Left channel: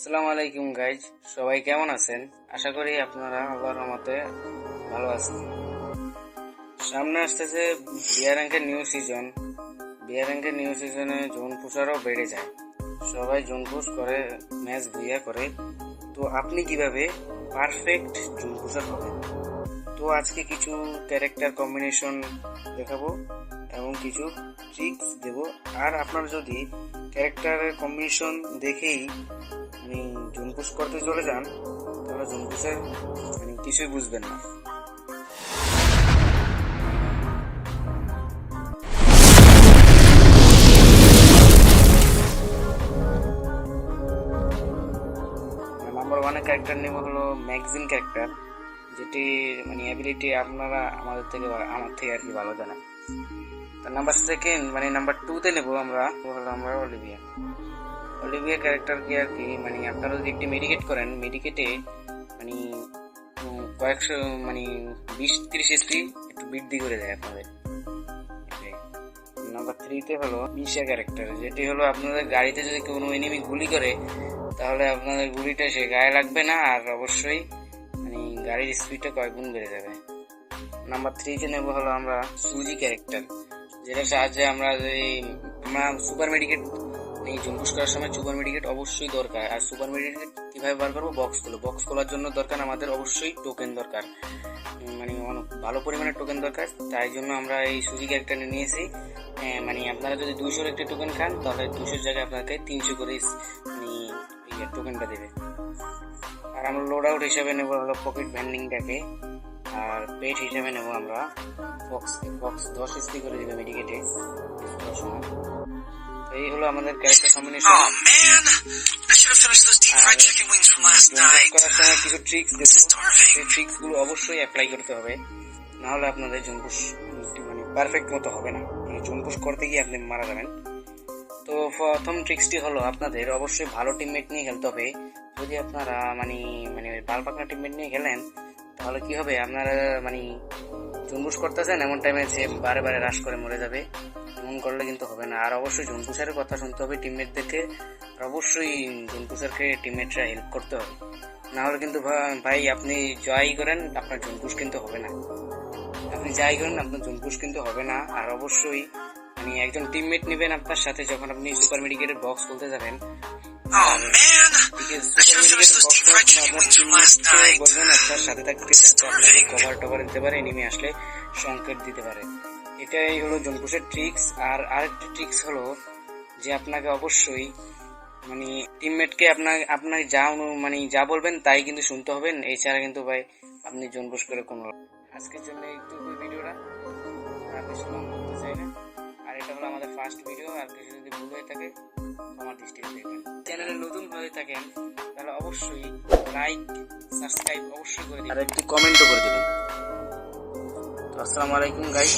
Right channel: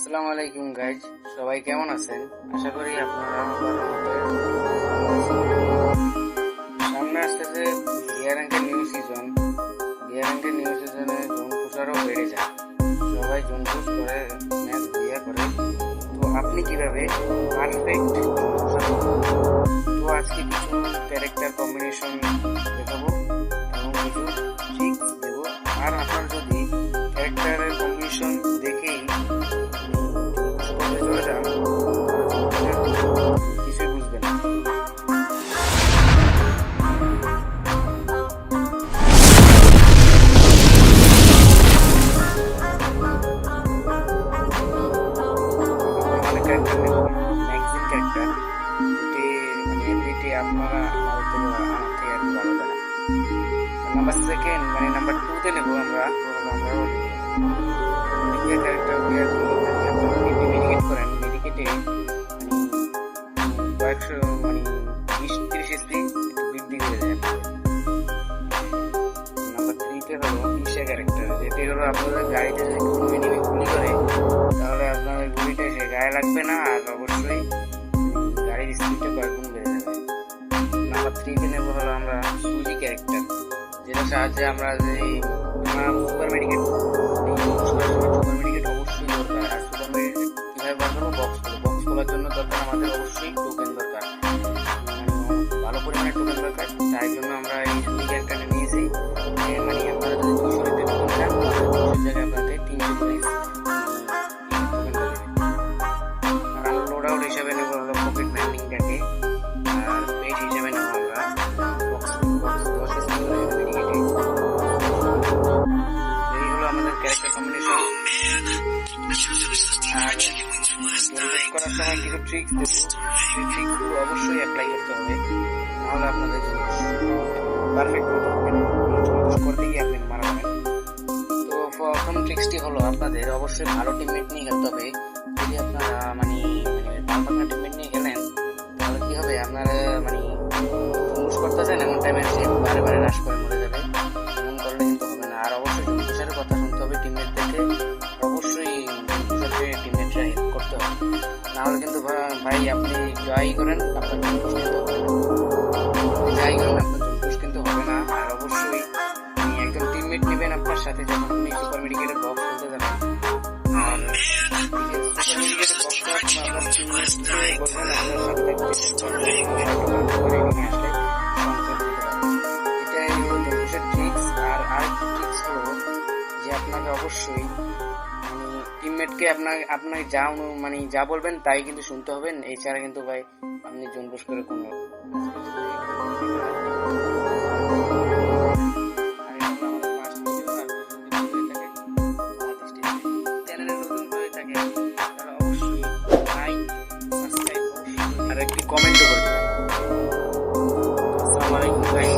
আসসালামু আলাইকুম গাইজ, সবাই কেমন আছেন? আশা করি আপনারা আবার মতো ভালো আছেন। সামনে আসতেছে বিয়ার র্যাঙ্কের নিউ সিজনে জোন পুষারও বেড়ে যায়। সবাই জোন পুশ করে, ম্যাচ ভুইয়া করে। তো আপনি কিভাবে পারফেক্ট জোন পুষার করবেন? তো আজকে কিছু ক্যারেক্টার কম্বিনেশন দেখাবো এবং কিছু ট্রিক্স দেব। আর আপনার যদি ক্যারেক্টারের কম্বিনেশন দেখেই জুনপুশ করতে চলে যান, তাহলে জুনপুশের কিছুই বুঝবেন না। নাম্বার ওয়ানের ক্যারেক্টার নেব হলো ম্যাগজিন ক্যারেক্টার, যেটি অ্যাবিলিটি আপনারা আমার থেকে আর কি ভালো জানেন। নাম্বার সেকেন্ড নাম্বার টুতে নেব আমরা অলিভিয়া ক্যারেক্টারকে আর কি আপনারা যদি একটি মেডিকেট করেন, মেডিকেটে কয়েকশো 20-30 এসপি একটু বৃদ্ধি করে দেয় আপনাদের। নাম্বার থ্রিতে হলো ঈশা ক্যারেক্টার, যেটি হলো আপনাদের গাড়িতে যদি কোনো এনিমি গুলি করে, তাহলে আপনাদের গুলিটা সে গায়ে লাগবে না, আর অবশ্যই গাড়ির স্পিডটা কয়েক গুণ বেড়ে যাবে। নাম্বার থ্রিতে নেব হলো আমরা সুজি ক্যারেক্টার, যেটার সাহায্যে আমরা সুপার মেডিকেট জুম্পুশ করার সময় সুপার মেডিকেট অবশ্যই দরকার। আর সুপার মেডিকেট কীভাবে বার করবো? বক্স খোলার জন্য দরকার আমাদের অবশ্যই টোকেন দরকার, ভালো পরিমাণে টোকেন দরকার। তাই জন্য আমরা এই সুজি ক্যারেক্টারটা নিয়েছি। আপনারা যদি 200 একটি টোকেন খান, তাহলে 200 জায়গায় আপনাকে 300 করে টোকেনটা দেবে। আর আমরা লোড আউট হিসাবে নেবো হলো প্রফিট ভ্যান্ডিংটাকে, আর পেট হিসাবে নেব আমরা বক্স 10 এসপি করে দেবে মেডিকেটে। এই হলো আমাদের ক্যারেক্টার কম্বিনেশন। করার সময় কিছু ট্রিক্স দেবো, সেই ট্রিক্সগুলো অবশ্যই অ্যাপ্লাই করতে হবে, নাহলে আপনাদের জুম্পুশ পারফেক্ট মতো হবে না। জুম্পুশ করতে গিয়ে আপনি মারা যাবেন। তো প্রথম ট্রিক্সটি হলো আপনাদের অবশ্যই ভালো টিমমেট নিয়ে খেলতে হবে। যদি আপনারা ভালো পাকনা টিমমেট নিয়ে খেলেন, তাহলে কি হবে? আপনারা জুম্পুশ করতেছেন, এমন টাইমে সে বারে বারে রাশ করে মরে যাবে। এমন করলে কিন্তু হবে না। আর অবশ্যই জুম্পুশারের কথা শুনতে হবে টিমমেটদেরকে, অবশ্যই জুম্পুশারকে টিমমেটরা হেল্প করতে হবে, নাহলে কিন্তু ভাই আপনি জয়ই করেন, আপনার জুম্পুশ কিন্তু হবে না। আর অবশ্যই একজন টিমমেট নেবেন আপনার সাথে যখন আপনি সুপার মেডিকেটের বক্স খুলতে যাবেন। আর সুপার মেডিকেটের বক্স করার সময় আপনার টিমমেটকে বলবেন আপনার সাথে থাকতে, কভার দিতে পারে, নেমে আসলে সংকেত দিতে পারে। এটাই হলো জুম্পুশের ট্রিক্স। আর আরেকটা ট্রিক্স হলো যে আপনাকে অবশ্যই টিমমেটকে আপনাকে যা বলবেন তাই কিন্তু শুনতে হবেন। এছাড়া কিন্তু ভাই আপনি জুম্পুশ করে কোনো আজকের জন্য ভিডিওটা। আর এটা হলো আমাদের ফার্স্ট ভিডিও। আর কিছু যদি ভুল হয়ে থাকে আমার দৃষ্টিতে, চ্যানেলে নতুন হয়ে থাকে তাহলে অবশ্যই লাইক সাবস্ক্রাইব অবশ্যই করে দিন, আর একটি কমেন্টও করে দেবেন। আসসালামু আলাইকুম গাইস।